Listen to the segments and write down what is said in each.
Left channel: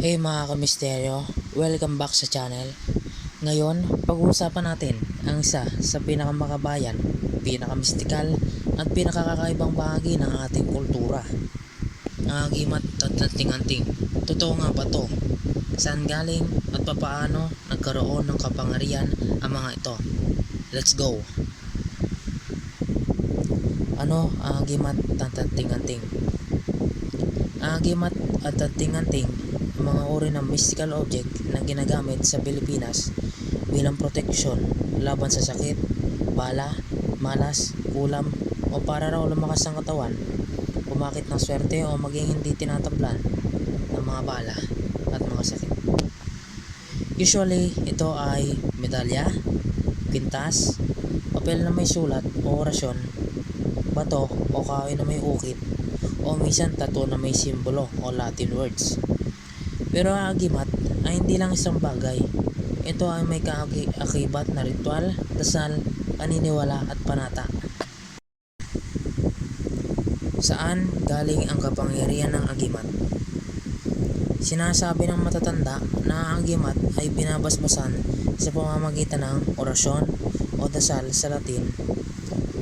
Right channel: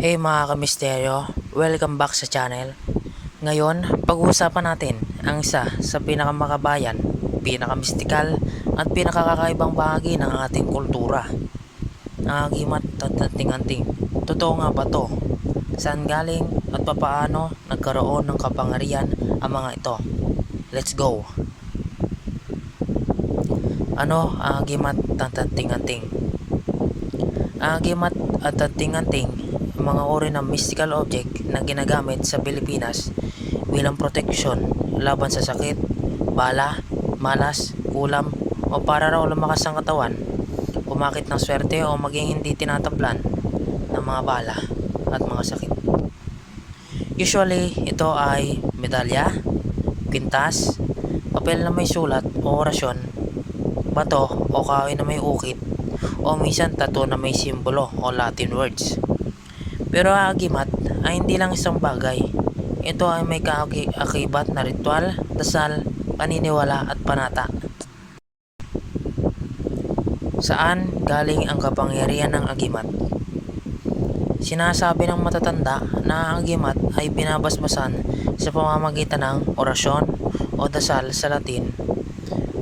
Hey mga kamisteryo, welcome back sa channel. Ngayon, pag-uusapan natin ang isa sa pinakamakabayan, pinakamystikal at pinakakakaibang bahagi ng ating kultura. Ang agimat at anting-anting. Totoo nga ba to? Saan galing at papaano nagkaroon ng kapangyarihan ang mga ito? Let's go! Ano ang agimat at anting-anting? Ang agimat at anting-anting mga uri ng mystical object na ginagamit sa Pilipinas bilang proteksyon laban sa sakit, bala, malas, kulam o para raw lumakas ang katawan, pumakit ng swerte o maging hindi tinatablan ng mga bala at mga sakit. Usually, ito ay medalya, pintas, papel na may sulat o orasyon, bato o kahoy na may ukit, o minsan tattoo na may simbolo o Latin words. Pero ang agimat ay hindi lang isang bagay. Ito ay may kaakibat na ritual, dasal, paniniwala at panata. Saan galing ang kapangyarihan ng agimat? Sinasabi ng matatanda na ang agimat ay binabasbasan sa pamamagitan ng orasyon o dasal sa Latin.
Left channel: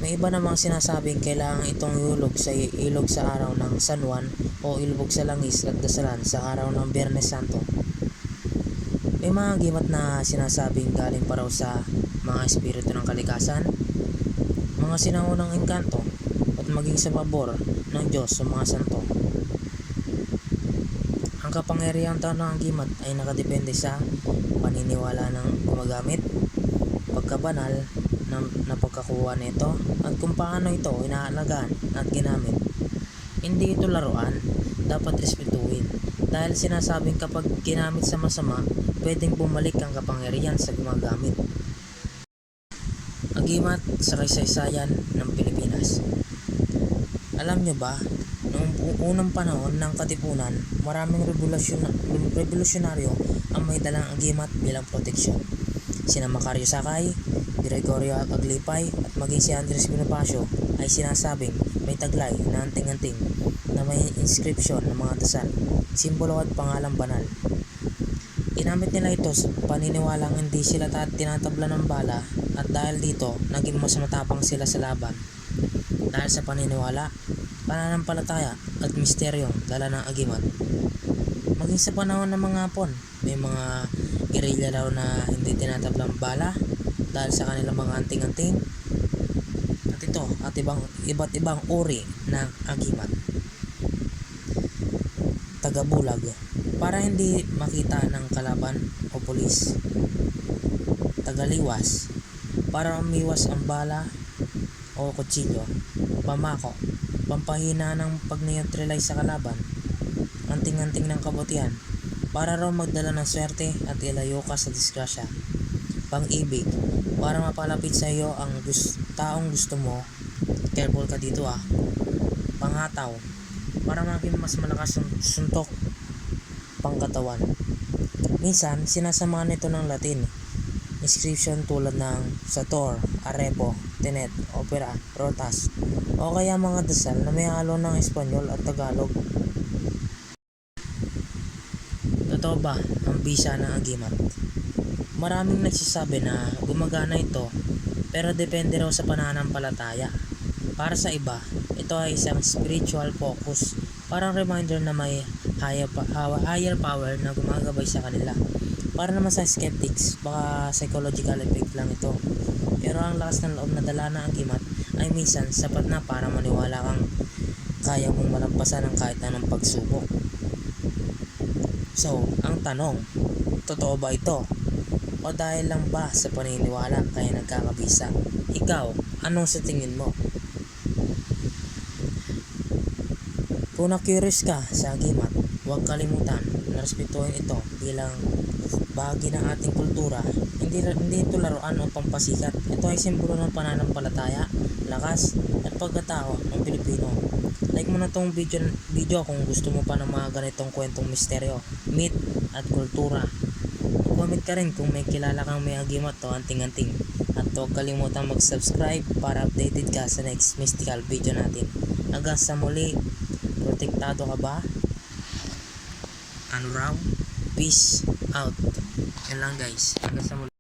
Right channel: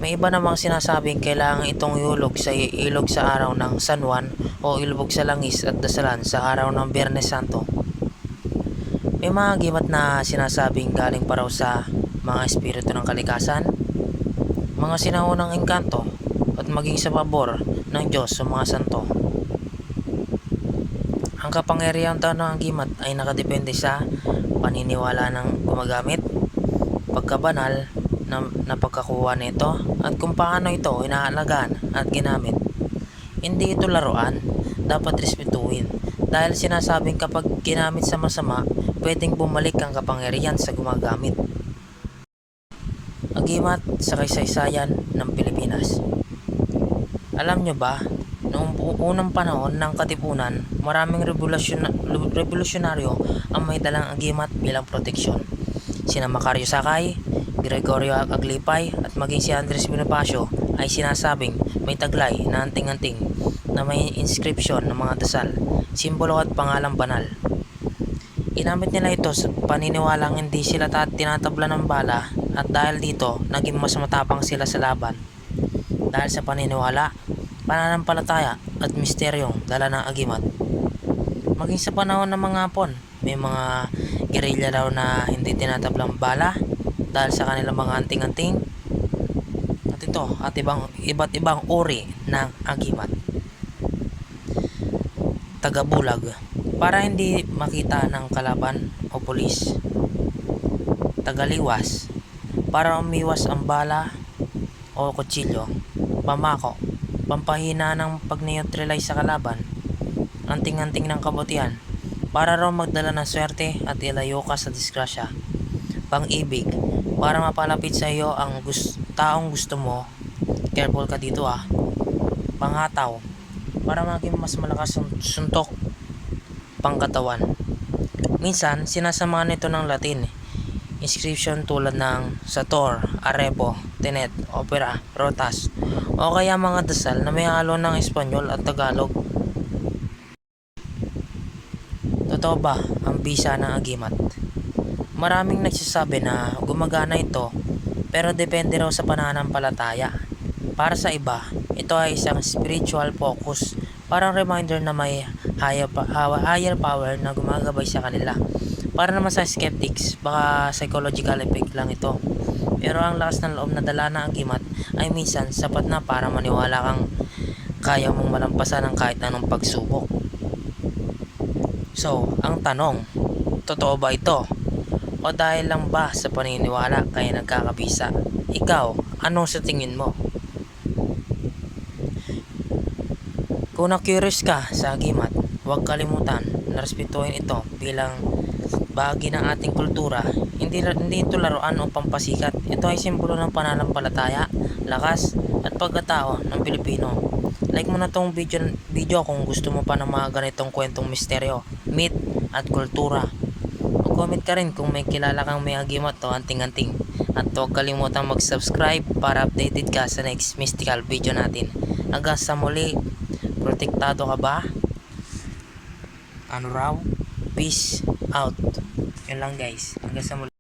May iba namang sinasabing kailangan itong ilog sa araw ng San Juan o ilubog sa langis at dasalan sa araw ng Biyernes Santo. May mga agimat na sinasabing galing pa raw sa mga espiritu ng kalikasan, mga sinaunang engkanto at maging sa pabor ng Diyos sa mga santo. Ang kapangyarihan ng agimat ay nakadepende sa paniniwala ng gumagamit, pagkabanal na pagkakuha nito at kung paano ito inaalagaan at ginamit. Hindi ito laruan, dapat respetuhin dahil sinasabing kapag ginamit sa masama, pwedeng bumalik ang kapangyarihan sa gumagamit. Agimat sa kasaysayan ng Pilipinas. Alam nyo ba, noong unang panahon ng Katipunan, maraming revolusyonaryo ang may dalang agimat bilang proteksyon. Sina Macario Sakay, Gregorio Aglipay at maging si Andres Bonifacio ay sinasabing may taglay na anting-anting na may inscription ng mga dasal, simbolo at pangalang banal. Ginamit nila ito sa paniniwalang hindi sila tinatabla ng bala at dahil dito naging mas matapang sila sa laban. Dahil sa paniniwala, pananampalataya at misteryong dala ng agimat. Maging sa panahon ng mga Hapon, may mga gerilya daw na hindi tinatablang bala dahil sa kanilang mga anting-anting at iba't ibang uri ng agimat. Tagabulag para hindi makita ng kalaban o pulis. Tagaliwas para umiwas ang bala o kutsilyo. Pamako pampahina ng pag-neutralize sa kalaban. Anting-anting ng kabutihan para raw magdala ng swerte at ilayo ka sa disgrasya. Pang-ibig para mapalapit sa iyo ang taong gusto mo. Careful ka dito ah. Panghataw para maging mas malakas ang suntok. Pangkatawan. Minsan sinasamahan nito ng Latin inscription tulad ng Sator, Arepo, Tenet, Opera, Rotas o kaya mga dasal na may halo ng Espanyol at Tagalog. Totoo ba ang bisa ng agimat? Maraming nagsasabi na gumagana ito pero depende raw sa pananampalataya. Para sa iba, ito ay isang spiritual focus, parang reminder na may higher power na gumagabay sa kanila. Para naman sa skeptics, baka psychological effect lang ito. Pero ang lakas ng loob na dala ng agimat ay minsan sapat na para maniwala kang kaya mong malampasan ang kahit anong pagsubok. So, ang tanong, totoo ba ito? O dahil lang ba sa paniniwala kaya nagkakabisa? Ikaw, anong sa tingin mo? Kung na-curious ka sa agimat, huwag kalimutan na respetuhin ito bilang bahagi ng ating kultura. Hindi ito laruan o pampasikat. Ito ay simbolo ng pananampalataya, lakas at pagkatao ng Pilipino. Like mo na tong video kung gusto mo pa ng mga ganitong kwentong misteryo, myth at kultura. Comment ka rin kung may kilala kang may agimat o anting-anting. At huwag kalimutang mag-subscribe para updated ka sa next mystical video natin. Hanggang sa muli, protektado ka ba? ano raw, peace out. Yan lang guys. Hanggang sa muli.